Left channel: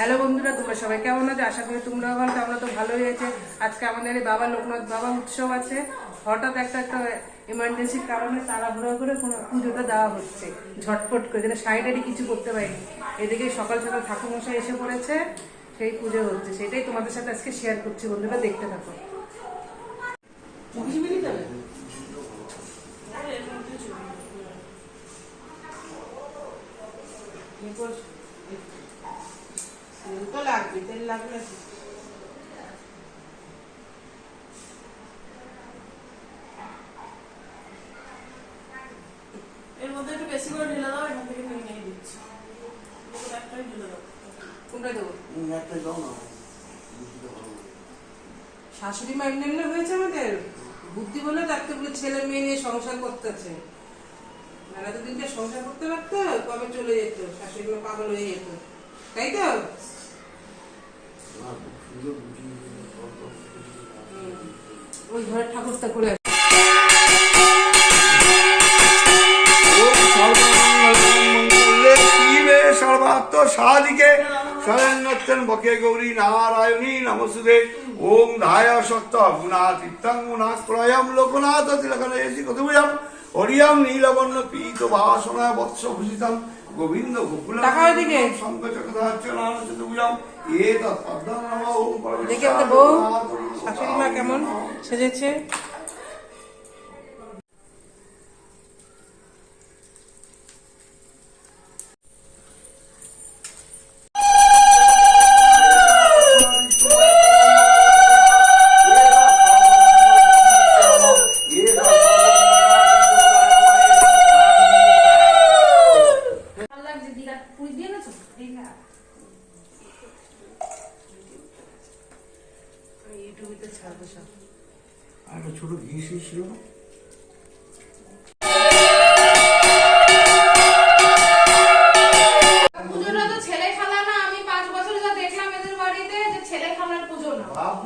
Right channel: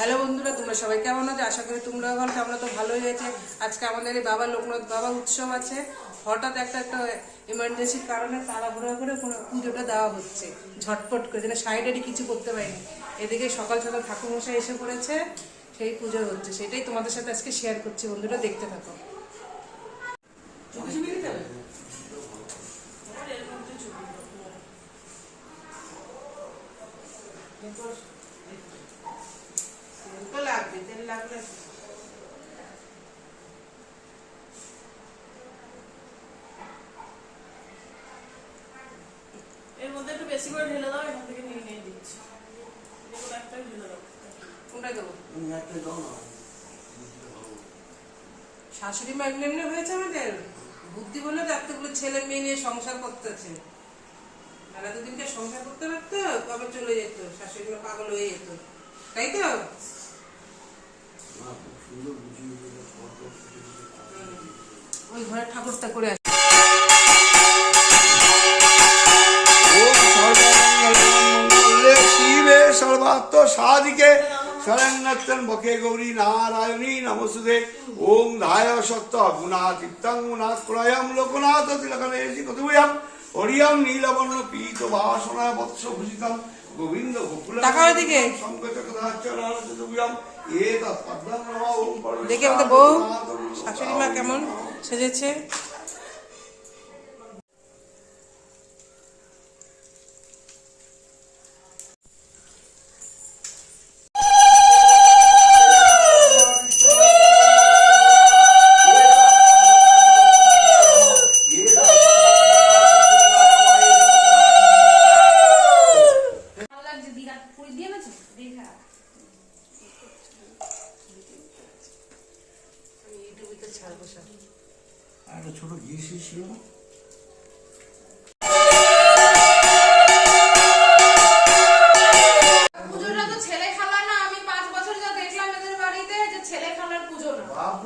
Hello বন্ধুরা তোমরা সবাই কেমন আছো? আশা করি তোমরাও ভালো আছো, আমরা তো ভালোই হয়েছে আজকে আমাদের এই বাবা লোকনাথ বাবা উৎসব আছে। হঠাৎ একটা একটা এমার্জেন্সির কারণে তাড়াহুড়ো করে কোনো পুজোটা দেওয়া হচ্ছে। ঝটপট করে যেন সাইডারি কিছু করতে পারিনি। এদিকে সকাল সকাল ঠাকুরমশাই এসে পড়েছে সেই পুজো হচ্ছে। সেটাই তোমাদের সাথে আজকে শেয়ার করছি বন্ধুরা দেখতে থাকো। লাগবে তেল লাগবে এর মধ্যে একটু বেশি করে ঢেলে দাও এখান থেকে নিয়ে নিয়ে দিচ্ছি। এগুলো একটাই ঢেলে দাও। কোনটা দেবো? একটা দাও না। শাশুড়ি মা এমনি এমনি হয়েছে আমাদের? বুদ্ধি বলে বলে ছেলে মেয়ে নিয়ে সংসার করতেছে মেলা তো দিনকে সংসার করতে পারতো কবে চলে যেত? শাশুড়ি মা পাগল হয়ে যেত। তাই তো। ওই ঘরের ঠাকুরটা করে বকে গৌরী নারায়ণী নমস্তুতে ওম ধায় সত্য গুণাতীত্যং গুণাৎ প্রয়ম লোকনাথ তিলকনে এসি হরিয়ম নীলবর্ণ পীত বাসনা বৎস ভূষিতম গোবিন্দ গোকুল নমঃ ওম দেখে তো বউ শাশুড়ি মা কেমন? সেজেছে। ছাড়বো সব আর একটা ছোট ঘি ছিল না? আমি পাঁচ বছর যা দেখলাম এদের বাড়িতে ছেলে খেলার পুজো না। বাপ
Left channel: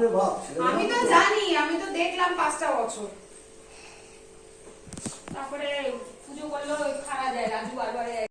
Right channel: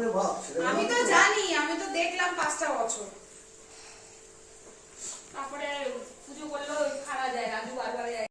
আমি তো জানি আমি তো দেখলাম পাঁচটা বছর। তারপরে পুজো করলেও খাওয়া যায় রাজু বারবার